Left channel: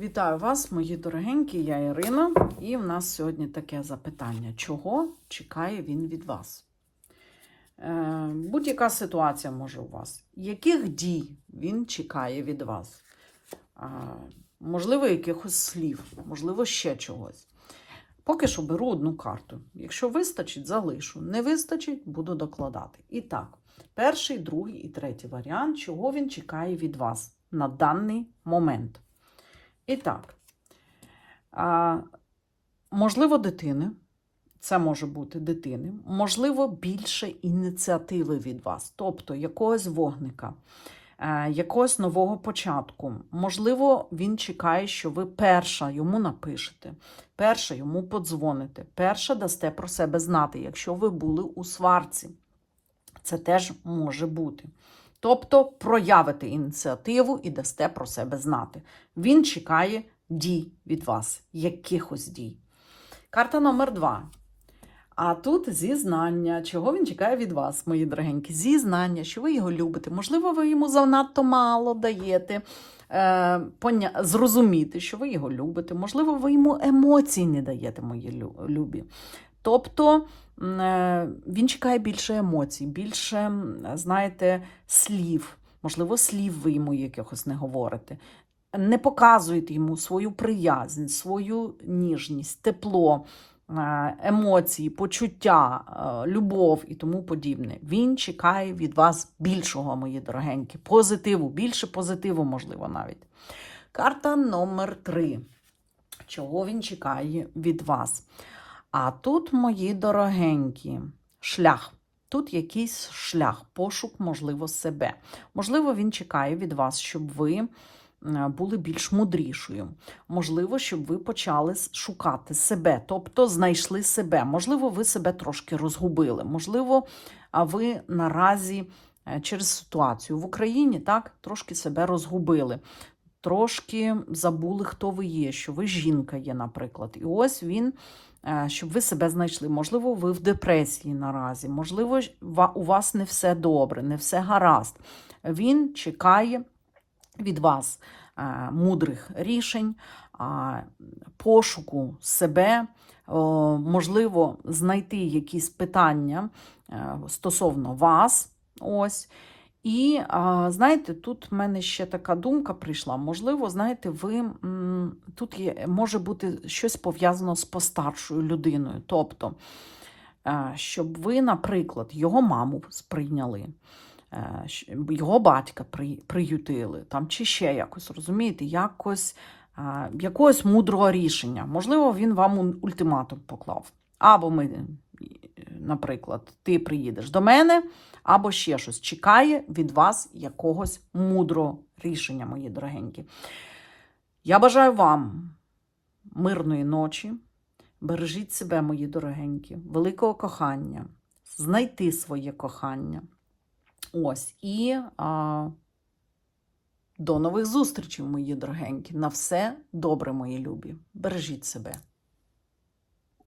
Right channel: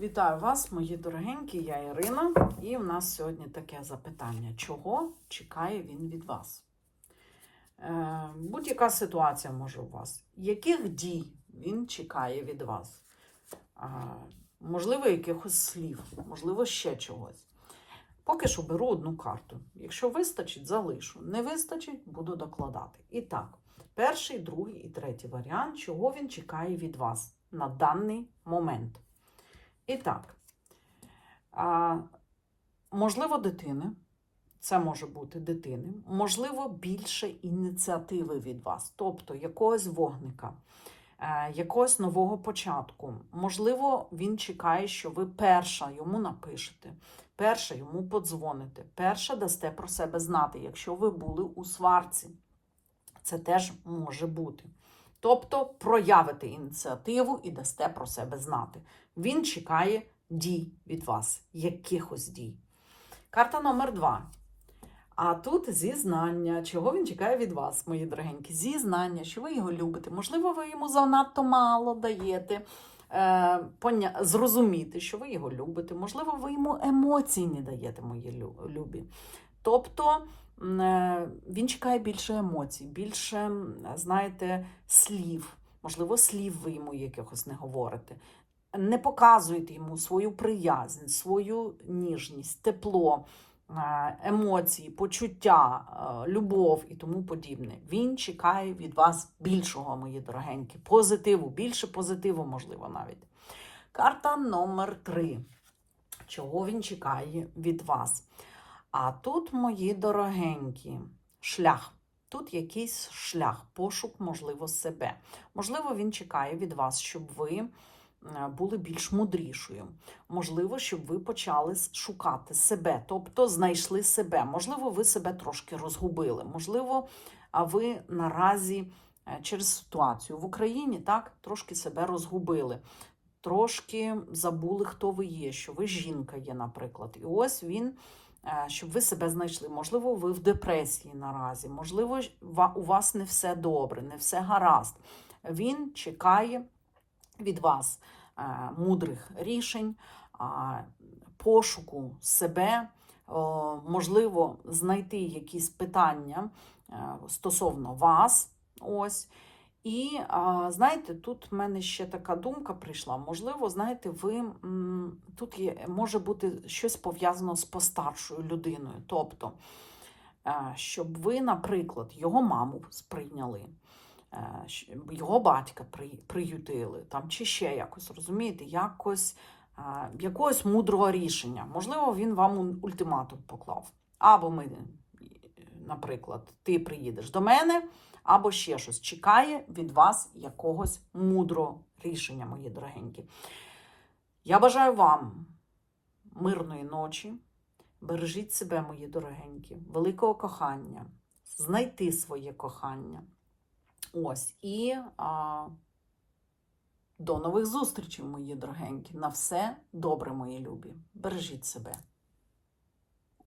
Вітаю вас, мої дорогенькі, я Ірина, і в нас сьогодні таке запитання: чого чекає він від вас? Е, будь-яка ситуація може у вас. Яких дій він чекає від вас? Можливо, якихось слів, можливо, ще чогось. Поки що беру одну карту. Якщо вистачить, залишу. Не вистачить, буду докладати. І так, перший, другий і третій варіант, чого він чекає від вас на даний момент. І так, можливо, дитини. Це може бути дитини, можливо, більше ініціативи від вас, тобто якогось вогника, е, якогось нового початку. Можливо, він чекає, що ви перша йому напишете, перша йому подзвоните, перша дасте про себе знати, якщо ви були у сварці. Це теж може бути. Тобто проявите ініціативу і дасте про себе знати. Він чекає дій від вас, якихось дій. Карта номер два. А тут зізнання, чого він чекає від вас, мої дорогенькі. Зізнання, що ви його любите. Можливо, ви йому занадто мало даєте е, поня... зрозуміти, що ви його любите. Можливо, ви йому емоцій не даєте, мої любі. Тобто е, він чекає більше емоцій, більше, знаєте, слів. Можливо, слів ви йому якихось не говорите. Не показуєте йому свою приязнь, свою ніжність, тепло, е, емоції, почуття, е, любов і тому подібне. Він чекає від вас більшого, мої дорогенькі, позитиву, більше позитиву, можливо, навіть. Карта номер три. Чого він чекає від вас? А тут, мої дорогенькі, шлях. Тут якийсь шлях, пошук, можливо, себе. Можливо, він чекає від вас, щоб ви е, були більш мудрішою. Можливо, щоб ви почали шукати себе, тобто знайшли себе. Можливо, ви себе трошки розгубили. Можливо, ви наразі е, через ситуацію в Україні так трошки себе розгубили. Трошки забули, хто ви є, що ви жінка є, наприклад. І ось він, щоб ви себе знайшли. Можливо, ви в депресії наразі, можливо, у вас не все добре, не все гаразд. Він чекає від вас е, мудрих рішень, пошуку себе, можливо, знайти якісь питання е, стосовно вас. Ось. І знаєте, тут в мене ще така думка прийшла. Можливо, знаєте, ви тут є, може бути щось пов'язано з постаршою людиною. Тобто, е, щоб ви, наприклад, його маму сприйняли, е, його батька приютили, там, чи ще якось, розумієте, якось, якогось мудрого рішення. Можливо, він вам ультиматум поклав. Або ми, наприклад, ти приїдеш до мене, або ще щось чекає від вас якогось мудрого рішення, мої дорогенькі. Я бажаю вам мирної ночі. Бережіть себе, мої дорогенькі, великого кохання, знайти своє кохання. Ось. І а, до нових зустрічей, мої дорогенькі. На все добре, мої любі. Бережіть себе.